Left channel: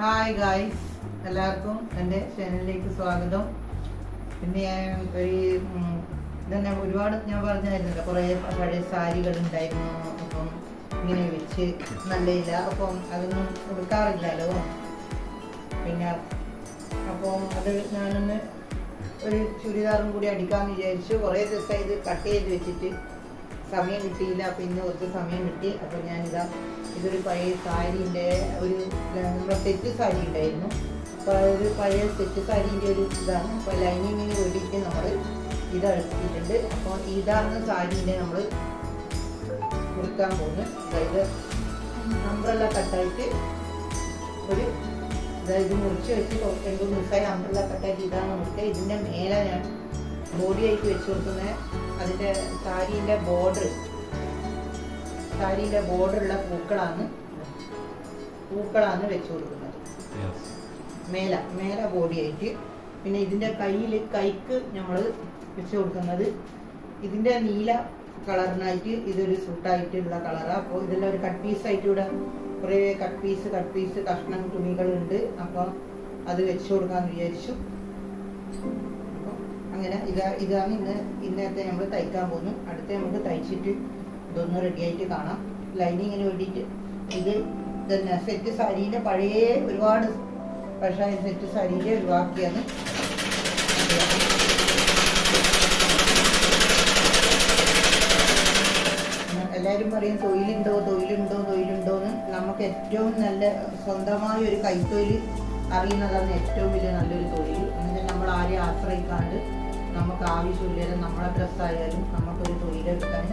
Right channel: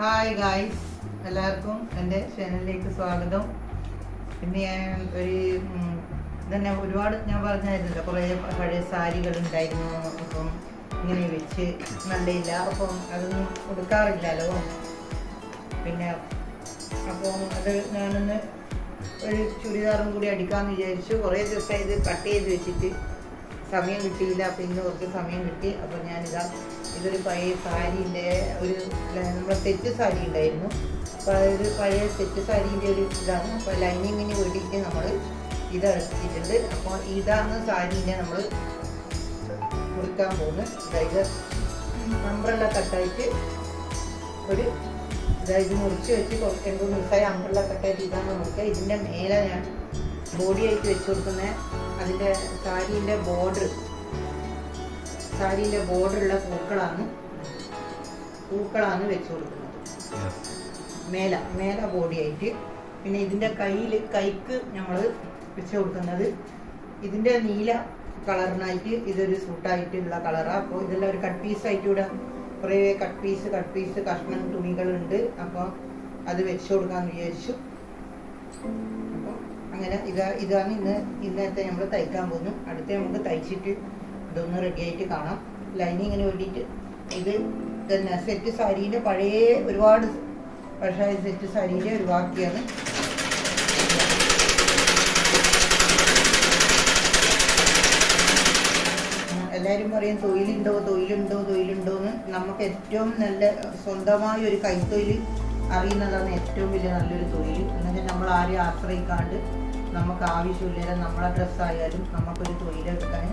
Hi guys, എല്ലാവർക്കും എൻ്റെ ചാനലിലേക്ക് സ്വാഗതം. പിന്നെ ഞാൻ ഇതന്നെ ഒരുപാട് ഞാൻ പറഞ്ഞായിരുന്നല്ലോ, കുറേ പഴയ സാരികൾ ഉണ്ടായിരുന്നു. അപ്പം ഇങ്ങനെ വെച്ച് നല്ലയില്ല, അപ്പം അതൊന്നും കൊടുക്കാറില്ലല്ലോ. പിന്നെ അപ്പം അത് ഞാനൊന്ന് ഒരു ചുരിദാറും കൂടി അടിക്കാമെന്ന് വിചാരിച്ചു. കുറേ ദിവസം ഇത് കട്ട് ചെയ്ത് വെച്ചിട്ട് സമയം കിട്ടിയില്ല. അപ്പം ഇന്ന് കുറച്ച് സമയം കിട്ടി. അപ്പം ഞാനിതാ ഇതൊരു പഴയ സാരീൻ്റെ ഒരു നമ്മുടെ സെറ്റ് സാരി ഉണ്ടായിരുന്നു. അപ്പോൾ അതൊരു പഴയ സെറ്റ് സാരീൻ്റെ ഒരു ഇതാണ്. അപ്പോൾ ലൈനിങ്ങിന് വേണ്ടിയിട്ട് നമ്മൾ ഇതെടുത്തിട്ടുണ്ട്. അപ്പോൾ ഇതാണ് സാരീൻ്റെ നമ്മൾ മുറിക്കാൻ പോകുന്നത്. അതായത് അംബ്രല്ല കട്ടായിട്ട് ഒരു ഇത് മുറിച്ച് വെച്ച് 2 ദിവസമായി അംബ്രല്ല കട്ടായിട്ട് ഇതാണ് മുറിക്കുക. ഇതിൻ്റെ മേലെ ഞാൻ ബോഡി ആയിട്ട് വെച്ച് കൊടുക്കുന്നത് അതിൻ്റെ സാരീൻ്റെ ബോർഡറുള്ള പൂക്കളാണ് വെച്ച് കൊടുക്കുന്നത് മേല ബോഡി ആയിട്ട്. പിന്നെ ഇതിൻ്റെ കൈക്ക് നമ്മൾ വെച്ച് കൊടുക്കുന്നത് ഇതിൻ്റെ നീല കളറിനായിട്ട് ഇതൊരു സൂട്ടായിട്ടുള്ള കളറാണ്. അപ്പോൾ ഇതെല്ലാം ഒരു കട്ട് പീസായിട്ട് ഇവിടെ കുറേ കട്ട് പീസ് കഷ്ണം തുണികളുണ്ട്. അപ്പോൾ അത് വെച്ച് കൊടുക്കാമെന്ന് വിചാരിച്ചു. അപ്പോൾ അങ്ങനെ ഇതാണ് ഇന്നത്തെ നമ്മൾ തയ്ക്കാൻ പോകുന്നു. അടുത്ത നമുക്ക് തയ്ച്ചിട്ട് ഇതൊന്ന് റെഡിയായിട്ട് കാണാം. ലൈനിങ്ങിന് വേണ്ടിയിട്ട് ഇത് തന്നെ സെറ്റ് സാരീൻ്റെ പഴയ ഒരുപാട് പഴയ സെറ്റ് സാരീൻ്റെ ഒരു ബാക്കിയാണ്. എല്ലാവരും പറയും തൊഴിലുണ്ടോ എന്ന്. നമുക്ക് ഏറ്റവും നല്ല സ്വന്തമായ ഒരു കൈത്തൊഴിൽ അറിയുന്നതാണ് ഏറ്റവും വലിയ നല്ലൊരു തൊഴിൽ. അങ്ങനെ നമ്മൾ ആരെയും ആശ്രയിക്കാണ്ട് നമുക്ക് ആവശ്യമില്ല. നമ്മളെ ഡ്രസ്സായാലും നമുക്കൊരു തൊഴിലെടുക്കാൻ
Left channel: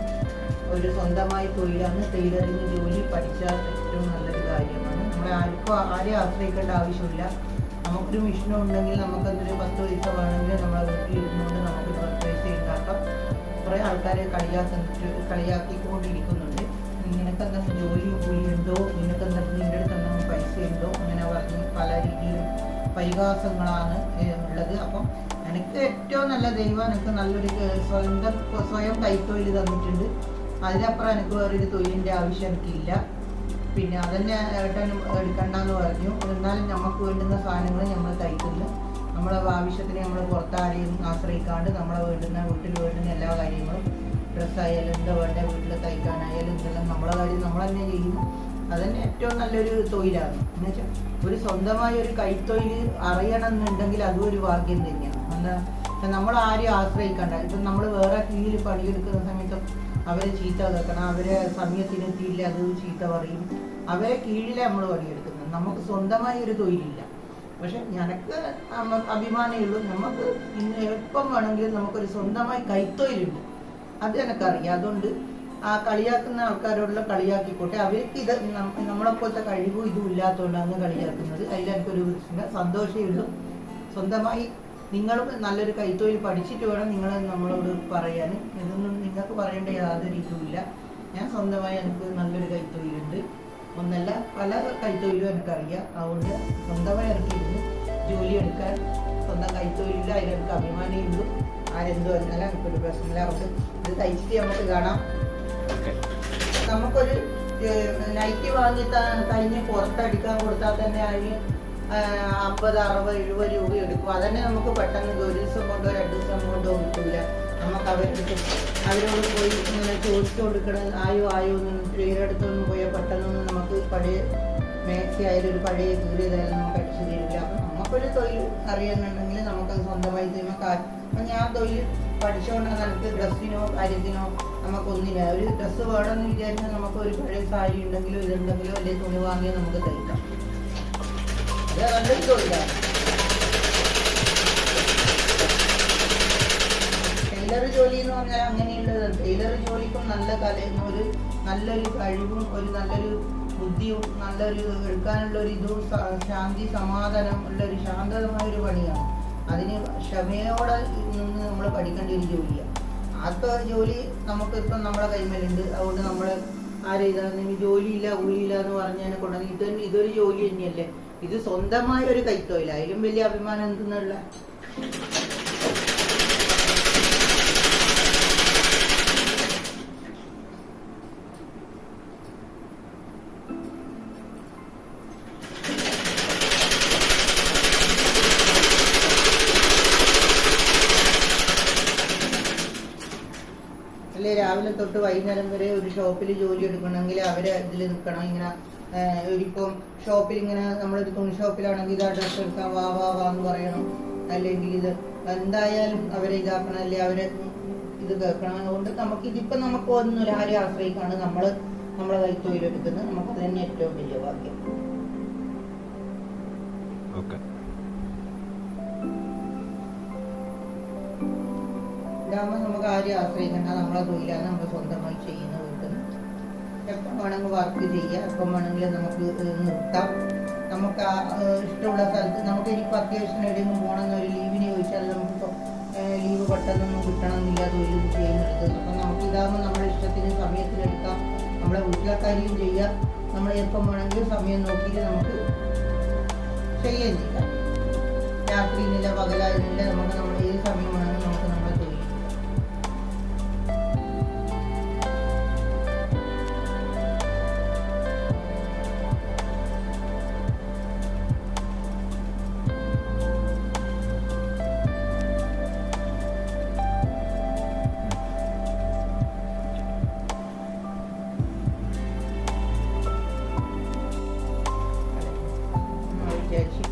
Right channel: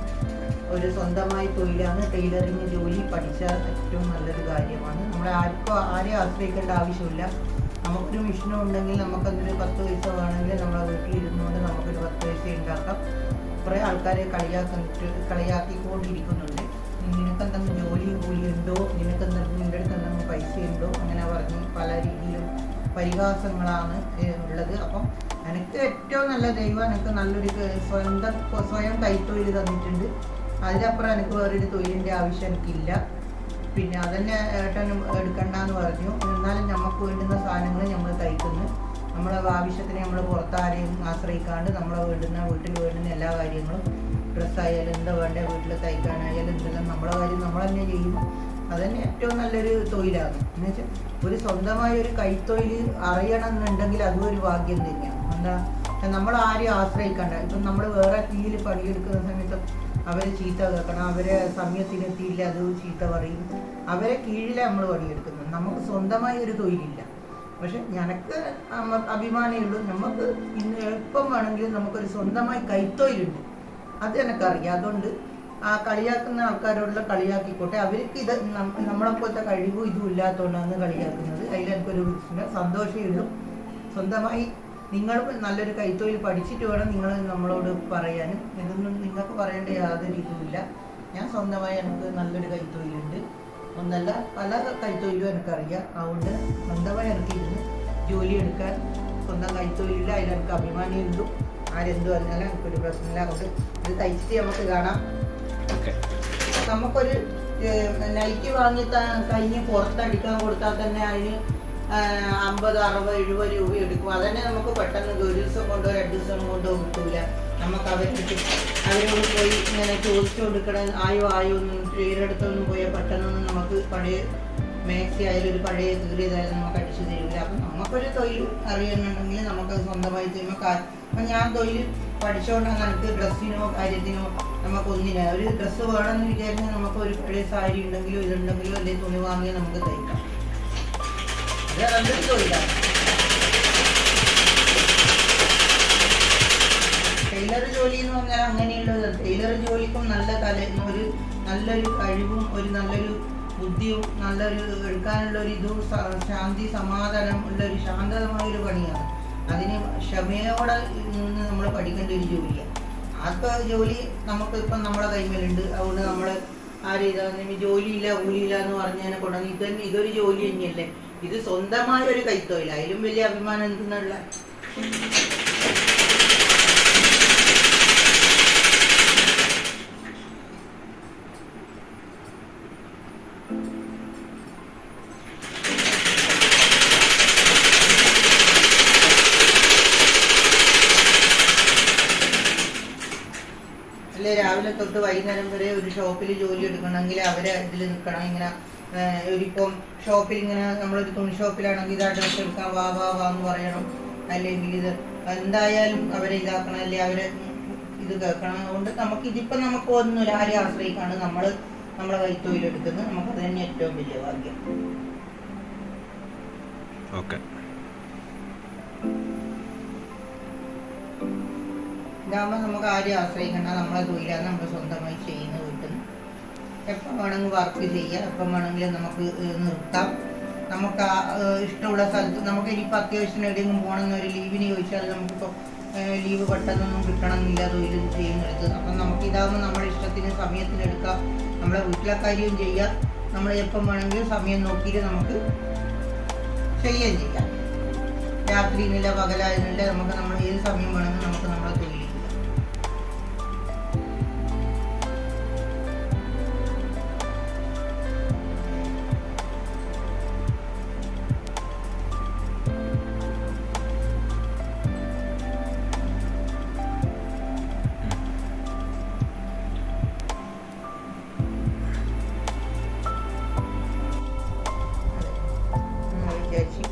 ഒരു സ്വന്തമായി തൊഴിലാണ് ടൈലറിങ് ജോലി പഠിച്ചാൽ ഏറ്റവും നല്ലൊരു കാര്യമാണ്. ആരെയും ആശ്രയിക്കേണ്ട ആവശ്യമില്ല. നമുക്കൊരു മെഷീനും ഉണ്ടെങ്കിൽ നമുക്കതൊരു 10 പൈസ വേണമെങ്കിൽ നമ്മളെ വീട്ടിൽ ഇരുന്നുകൊണ്ട് നമുക്കൊരു 10 പൈസ ഉണ്ടാക്കാം. കുറേ ആൾക്കാരെ കളിയാക്കിക്കൊണ്ടിരിക്കുന്നുണ്ട്. നിനക്കെന്തെങ്കിലും ജോലിയും കൂലിയുണ്ടോ, നിനക്കെന്തെങ്കിലും നിൻ്റെ അടുത്ത് എന്തെങ്കിലും പൈസ ഉണ്ടോ, അങ്ങനെ പറഞ്ഞ് പല രീതിയിലും പരിഹാസങ്ങളാണ് ഉള്ളത്. അപ്പം എനിക്ക് ഏറ്റവും നല്ല ദൈവം എനിക്ക് നല്ലൊരു സ്വയം കൈത്തൊഴിൽ തന്നിട്ടുണ്ട്. അതിനപ്പുറം എനിക്ക് വേറൊരു തൊഴിലിൻ്റെ ആവശ്യം എനിക്കില്ല. പിന്നെ അതന്നെ ഏട്ടനും എടുക്കണ്ടെന്ന് പറഞ്ഞു. എന്നാലും നമുക്ക് വേണ്ടുന്ന സാധനങ്ങൾ നമ്മൾ തയ്ക്കുന്നു. നമ്മളെ ആവശ്യത്തിന് നമ്മൾ പുറത്താരെയും ആശ്രയിക്കാണ്ട് വീട്ടിൽ വേണ്ടുന്ന എല്ലാ കാര്യങ്ങളും ഡ്രസ്സായാലും എന്താ വേണ്ട വീട്ടിൽ തയ്ക്കാനായാലും എന്തെല്ലാം നമ്മളെ കാര്യം നമ്മൾ തന്നെ ചെയ്യുന്നു. അതന്നെ ഏറ്റവും നല്ലൊരു തൊഴിലാണ്. എന്ന് വെച്ചാൽ ഒരു സ്വന്തമായ ഒരു കൈത്തൊഴിൽ അറിയണം എന്നുണ്ടെങ്കിൽ അതും ഒരു ഭാഗ്യം തന്നെയാണ്. എന്താ നമ്മൾ ആരെയും ആശ്രയിക്കണ്ട. ഇപ്പം നമ്മൾ വേറെ കീഴിൽ പണിയെടുക്കുന്ന സമയത്ത് അവരെ ചീത്ത കേൾക്കണം, അവരെ സമയത്തിനെത്തിയില്ല അത് ചീത്ത പറയും. അവരെ കീഴിലെ നമ്മൾ പണിയെടുക്കുന്നത്. നമുക്ക് സ്വന്തമായി ഒരു തൊഴിലില്ല. പക്ഷെ ഞങ്ങൾക്ക് അഭിമാനമുള്ളൂ. നമുക്ക് ഇന്ന് എപ്പം വേണമെങ്കിലും നമുക്കൊരു സ്വന്തമായി കൈത്തൊഴിലുണ്ട്. അത് എനിക്കറിയാം. അതുകൊണ്ട് ആ കളിയാക്കുന്ന ആൾക്കാരോടുള്ള കളിയാക്കിക്കോട്ടെ. അവർക്ക് ഇത് നമ്മളെപ്പോലത്തെ കഴിവും ഇതും ഇല്ലാത്തതുകൊണ്ടാണ് കളിയാക്കുന്നത്. അതിലെനിക്കൊരു സന്തോഷമേ ഉള്ളൂ. സ്വന്തമായി നിങ്ങളും നല്ലൊരു കൈത്തൊഴിൽ പഠിച്ചിട്ട് വേണം നിങ്ങൾ നമ്മളോട് പറയാൻ. ഇതൊന്നും നിങ്ങൾക്ക് പറയേണ്ട യാതൊരു ഇതുമില്ല. ഞാൻ സ്വന്തമായി എനിക്ക് നല്ലൊരു കൈത്തൊഴിലുണ്ട്. ഒന്നല്ല പല കൈത്തൊഴിലും എനിക്കറിയാം. അതുകൊണ്ട് സ്വന്തമായി ഇറക്കിയിരുന്നു ജോലി എടുക്കാൻ സ്വന്തം കൈത്തൊഴിലില്ല. അതിലെനിക്ക് അഭിമാനമുള്ളൂ. ആരെന്തു പറഞ്ഞാലും എനിക്കൊരു പ്രശ്നമില്ല. അതുകൊണ്ട് ഇത് തയ്ച്ചിട്ട് നമുക്ക് കാണാം. നമുക്കൊരു നൈറ്റി വാങ്ങി കഴിഞ്ഞ് പുറത്തടിക്കാൻ കൊടുത്താൽ തന്നെ അതിന് 50, 60, 70 രൂപ എടുക്കും. അതന്നെ നമുക്ക് പെട്ടെന്ന് ഒരു ദിവസം കൊണ്ടോ 2 ദിവസം കൊണ്ടോ കിട്ടൂല. നമുക്ക് അവരോട് പോയി ഇങ്ങനെ ചോദിച്ചു കൊടുക്കണം. ആയോ ടൈലറടുത്തൊന്നും പോയാൽ പെട്ടെന്നൊന്നും നമുക്ക് പഴയ മാക്സി ആയാലും ഒരു പഴയ കീറിയതായാലും നമുക്ക് അടിച്ചു തരില്ല. അപ്പം നമുക്കൊരു തൊഴിൽ അറിയുന്നുണ്ടെങ്കിൽ നമുക്കത് സ്വന്തമായി ചെയ്യുമ്പോൾ അപ്പം ഞാൻ തൊഴിൽ പഠിച്ചുകൊണ്ടാണ് എനിക്ക് ഡ്രസ്സിനോ കാര്യത്തിനോ നമുക്കൊന്നില്ല. ഒരു ഡ്രസ്സ് വേണമെന്ന് വിചാരിച്ചാൽ നമുക്ക് ഒരു പഴയ സാരി ഉണ്ടെങ്കിലോ ഇതുണ്ടെങ്കിലോ അല്ലെങ്കിൽ തുണി വാങ്ങിയാൽ നമുക്ക് തയ്ക്കാം. അത് നല്ലൊരു തൊഴിലാണ്. ടൈലർ ജോലി എന്ന് പറഞ്ഞാൽ അങ്ങനെയുള്ളത്. ടൈലർ ജോലിക്കും നല്ലൊരു കഴിവും ഒരു നല്ലൊരു ബുദ്ധിയും നല്ലൊരു എടുക്കാനുള്ള ഒരു ഇതും ശാന്തി സമാധാനം ഉള്ളൊരു ശാന്തമായൊരു പണിയാണ്. അതിന് ക്ഷമയോടെ നിന്ന് നമ്മൾ പഠിക്കേണ്ട ഒരു ജോലിയാണ്. ആ ജോലി നമുക്ക് ഇപ്പം നമ്മുടെ കൈമേലുണ്ട്. അതുകൊണ്ട് നമ്മൾ ആരെയ്താൽ ജോലിയില്ല കൂലിയില്ല എന്ന് പറഞ്ഞതിനെ കൊണ്ടുവന്ന് ഇതൊരു ജോലി തന്നെയല്ലേ. ഇത് സ്വന്തമായ ഒരു കൈത്തൊഴിൽ. അതിലും വലിയ അഭിമാനം എന്തെന്നുള്ള രാവിലെ തൊട്ട് വൈകുന്നേരം വരെ ഒരു ഷോപ്പിൽ ജോലി എടുക്കണമെങ്കിൽ അവരെ ഇതിൽ നിൽക്കണം. ഇങ്ങനെ ഇപ്പം ഷോപ്പിൽ ഇങ്ങനെ നമ്മളൊരു തുണി ഷോപ്പിലാണെങ്കിൽ ഇത് അഡ്രസ് എടുക്കാൻ വാ വാ വാ എന്ന് പറയണം, അല്ലെങ്കിൽ ഇത് എന്തായാലും അവരെ ഇതാക്കണം, അല്ലെങ്കിൽ അവരെ ഇത് കേൾക്കണം. അതുകൊണ്ട് ഇതിപ്പം നമുക്ക് ഒന്നുമില്ല, ആരെയും ആശ്രയിക്കാണ് നമ്മളെ കൈത്തൊഴിലെടുക്കുന്നത്. നമുക്കത് തന്നെ ഏറ്റവും വലിയ ഭാഗ്യം. ഇതാകുമ്പോൾ നമുക്ക് ആരെയും ആശ്രയിക്കണ്ട, നമ്മളെ തൊഴിലാണ് നമ്മൾ സ്വന്തമായി ചെയ്യുന്ന വീട്ടിൽ നിന്ന്. എപ്പം വേണമെങ്കിൽ വർക്ക് ചെയ്യാം, എപ്പം വേണമെങ്കിലും നമുക്ക് നിർത്താം. നമുക്ക് ഇഷ്ടമുള്ള സ്ഥലത്ത് നമുക്ക് ഇനിയിപ്പോൾ അത്യാവശ്യം എവിടെയെങ്കിലും പോകണമെന്നൊരു ലീവിന് ചോദിച്ചാൽ നമുക്കിപ്പോൾ ലീവ് പെട്ടെന്നൊന്നും കിട്ടണമെന്നില്ല തൊഴിൽ ചെയ്യുന്നിടത്ത്. അപ്പം നമുക്ക് ഇതാകുമ്പോൾ നമ്മുടെ ഇഷ്ടത്തിന് സമയത്തിനെടുക്കാം, നമ്മളെ വീട്ടിലെ കാര്യവും ചെയ്യാം, നമ്മൾ എപ്പം വേണമെങ്കിലും സമയം നോക്കിയിട്ട് നമുക്ക് ചെയ്യുകയും ചെയ്യാം. രാത്രി എന്നില്ല പകലായിരുന്നില്ല, നമുക്ക് നമ്മൾ ഏത് സമയം വേണമെങ്കിൽ നമുക്ക് നമ്മളെ തൊഴിൽ ചെയ്യാം.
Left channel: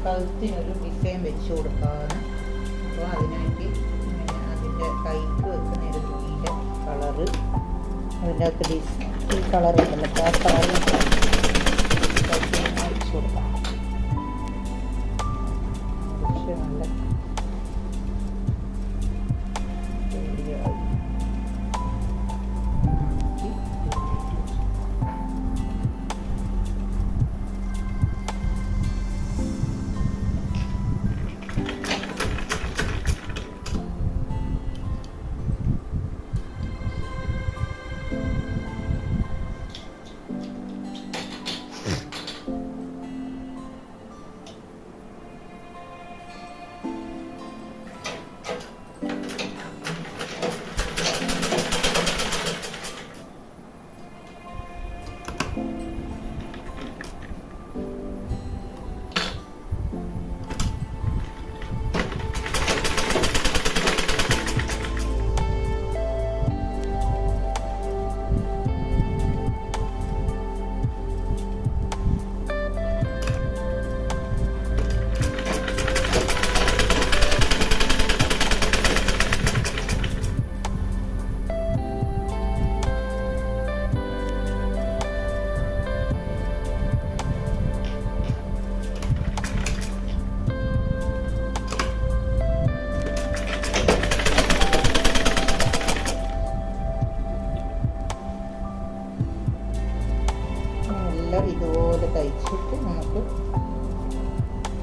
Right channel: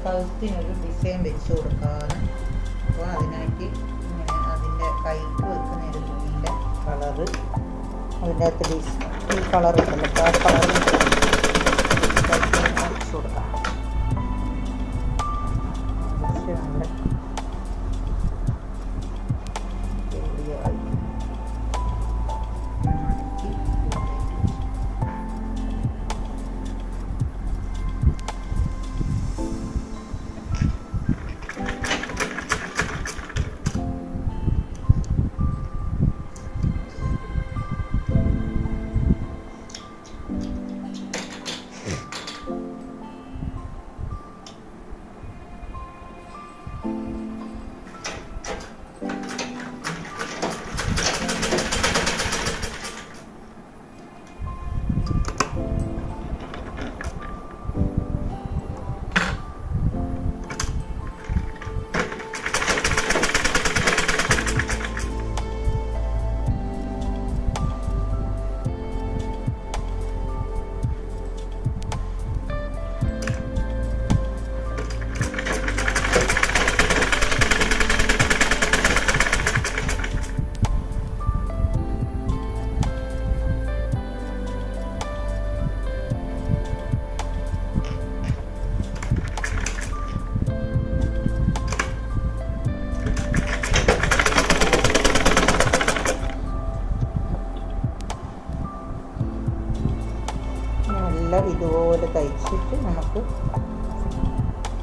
കഴുത്തിനൊരു ഡിസൈൻ വെച്ച് കൊടുക്കാന്ന്. അപ്പോൾ അതിനായിട്ട് അതിൻ്റെ കൈക്ക് വെക്കുന്ന ഒരു തുണിയുടെ കളറ് അതിൻ്റെ അകത്ത് ഈ കളർ ഉണ്ടല്ലോ, ആ കളർ വെച്ച് കൊടുക്കാം. പക്ഷെ നല്ല ഇതുപോലെ തയ്ച്ചിട്ട് നമുക്ക്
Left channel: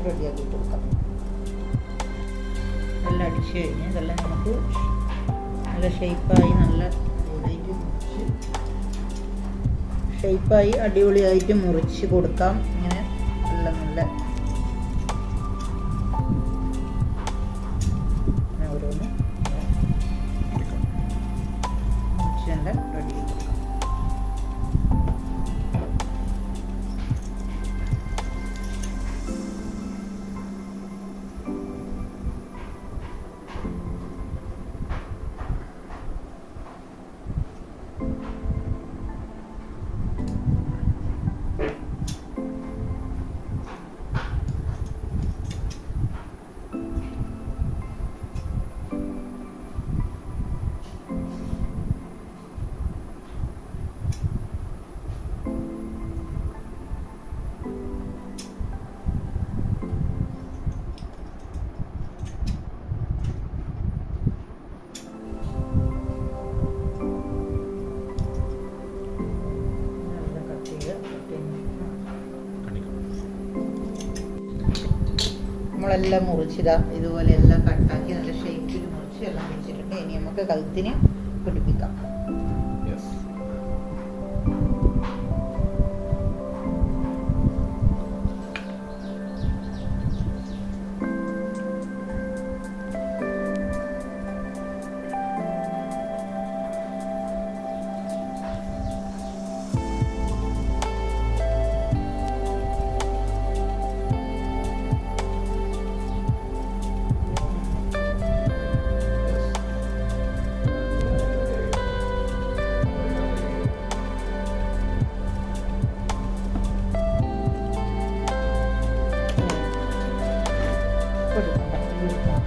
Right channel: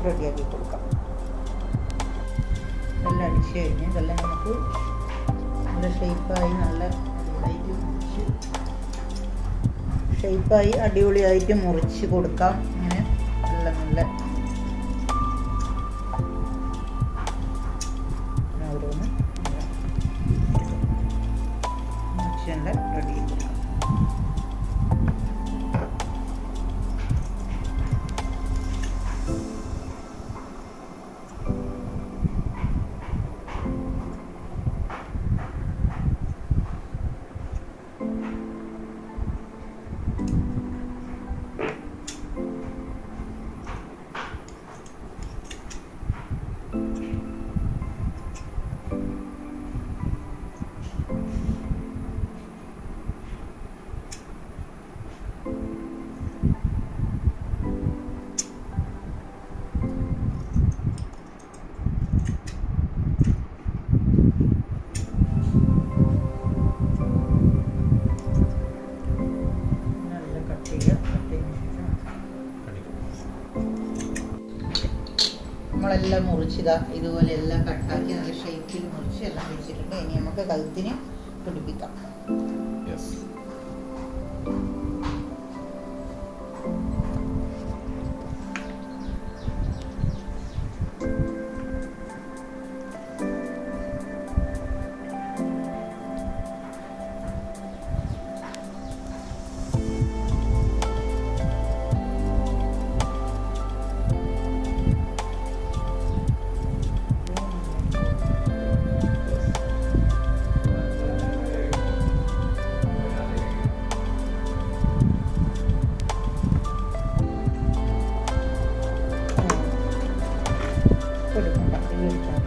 റെഡിയാക്കി കൊടുക്കാം. നല്ല അടിച്ചു കഴിഞ്ഞ് ഇതെല്ലാം നമുക്ക് നല്ല ഷേപ്പായി അടിപൊളിയായിട്ട് മുറിച്ച് കൊടുക്കാം. ഇങ്ങനെ നല്ല ഓരോന്ന് മുറിച്ച് നല്ല റെഡിയാക്കി കൊടുക്കാം. നമ്മളെല്ലാം മുറിച്ചിതാ ഇതുപോലെ എല്ലാം കട്ടാക്കി നല്ല ഷേപ്പിൽ മുറിച്ച് എല്ലാം വെച്ചിട്ടുണ്ട്. ഇനി നമുക്ക് കഴുത്തിന് പിടിപ്പിക്കാം. എടുക്കാം.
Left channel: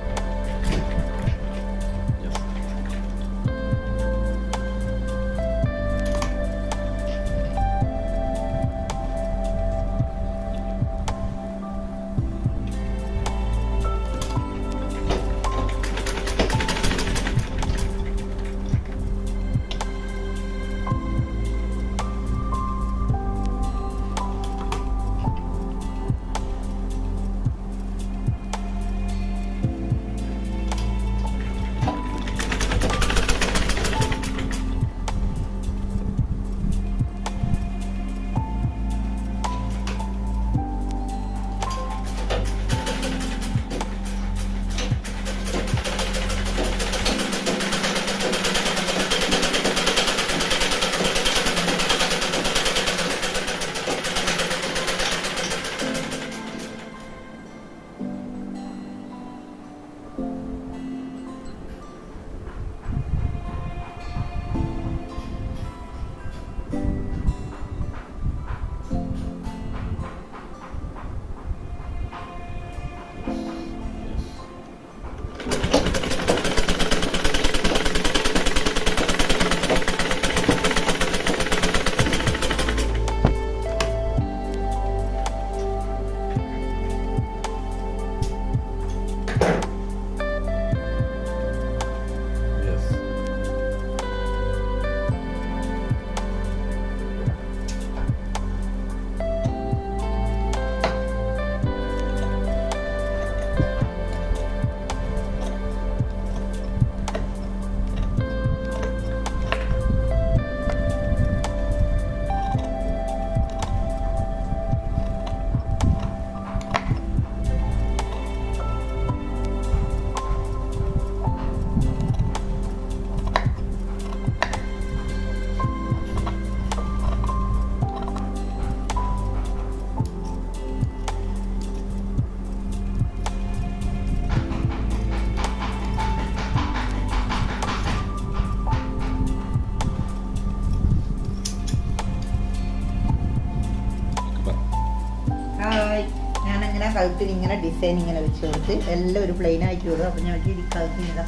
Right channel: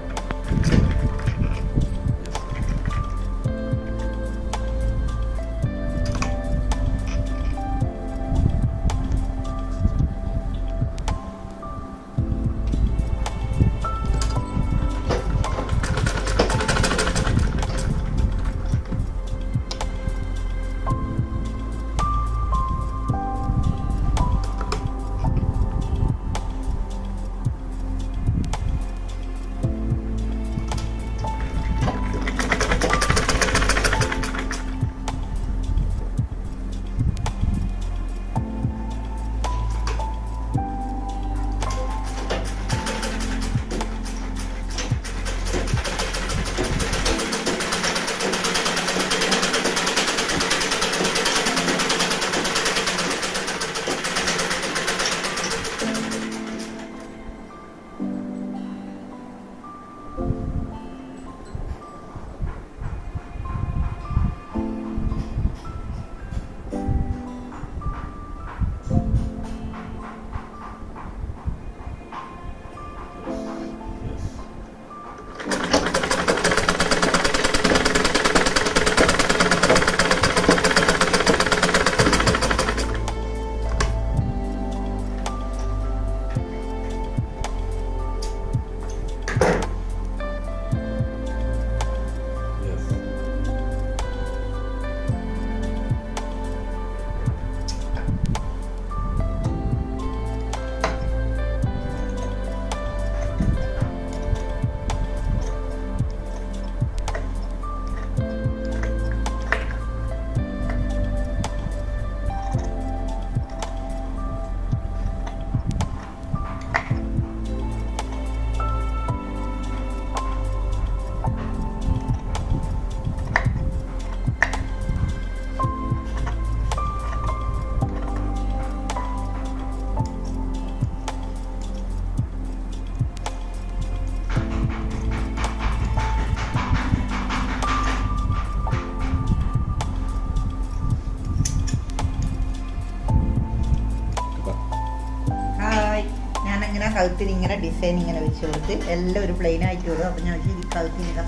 ഞാനങ്ങനെ കഴുത്തിൽ ഇങ്ങനെ ഡിസൈൻ ഇങ്ങനെ വെച്ച് കൊടുത്ത് എല്ലാം ഒരു പ്ലെയിൻ ആയിട്ട് വിടും. അപ്പം ഞാൻ വെച്ച് കഴുത്തിൽ ഇതാ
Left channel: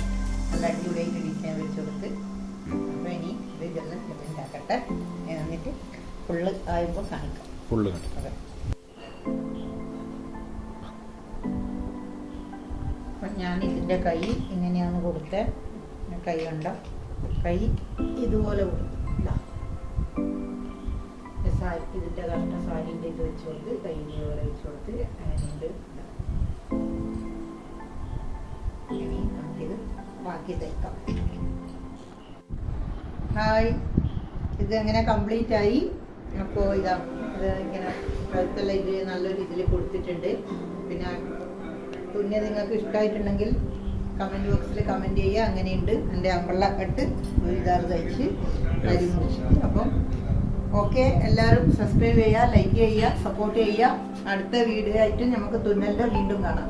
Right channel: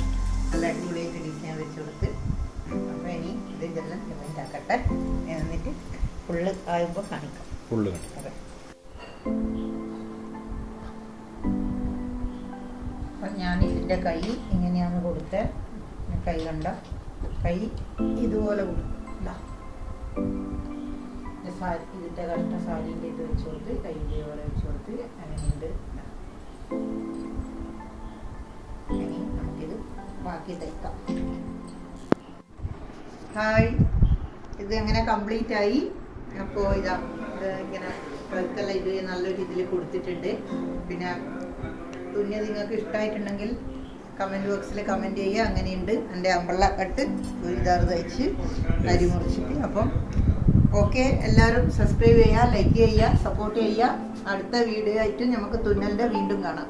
നല്ല അടിപൊളിയായിട്ട് ഡിസൈൻ വെച്ച് കൊടുത്ത്. അപ്പോൾ ഇനി ഇതെല്ലാം ഉണ്ടാക്കട്ടെ, എന്നിട്ട് ഫുള്ള് ആകുമ്പോൾ കാണിക്കാം. ഫുള്ള് അതെ. അപ്പം ഞാൻ ഇതിൻ്റെ കൈ ഇങ്ങനെയാണ് കൊടുത്തത്. കൈ കണ്ട കൈ ഇതുപോലെ കൊടുക്കും. ഇതാ സാരി, ഇതിൻ്റെ കഷ്ണ സാരീൻ്റെ ഇത് വെച്ച് കൊടുത്ത് കൈ ഇതുപോലെ വെച്ച് കൊടുത്ത് അങ്ങനെയുണ്ട്. ഇനി നമുക്കിത് ബാക്കി തയ്ക്കാം. ഹായ്, ഇത് അങ്ങനെ കംപ്ലീറ്റ് ആയി. അപ്പോൾ ഇതാ ഇത് ഇങ്ങനെ കഴുത്തെല്ലാം ഇത് നല്ലൊരു ഇതിൽ കൊടുത്തിട്ടുണ്ട്. പിന്നെ തുന്നി നിങ്ങൾക്ക് ഇഷ്ടമായിട്ടുണ്ടെങ്കിൽ കമൻറ്റ് ബോക്സിൽ കമൻറ്റ് ചെയ്യുക. അങ്ങനെയുണ്ട് എൻ്റെ അമ്പള്ള കട്ട് ഒരു ഇതാറ് തയ്ച്ച് അരി മുറിച്ചിട്ട്. അപ്പം ഓക്കെ, എല്ലാവരും സബ്സ്ക്രൈബ് ചെയ്യുക, ലൈക്ക് ചെയ്യുക, സപ്പോർട്ട് ചെയ്യുക. അടുത്ത വീഡിയോ ആയിട്ട് നമുക്ക് തുന്നലിൻ്റെ വീണ്ടും കാണാം.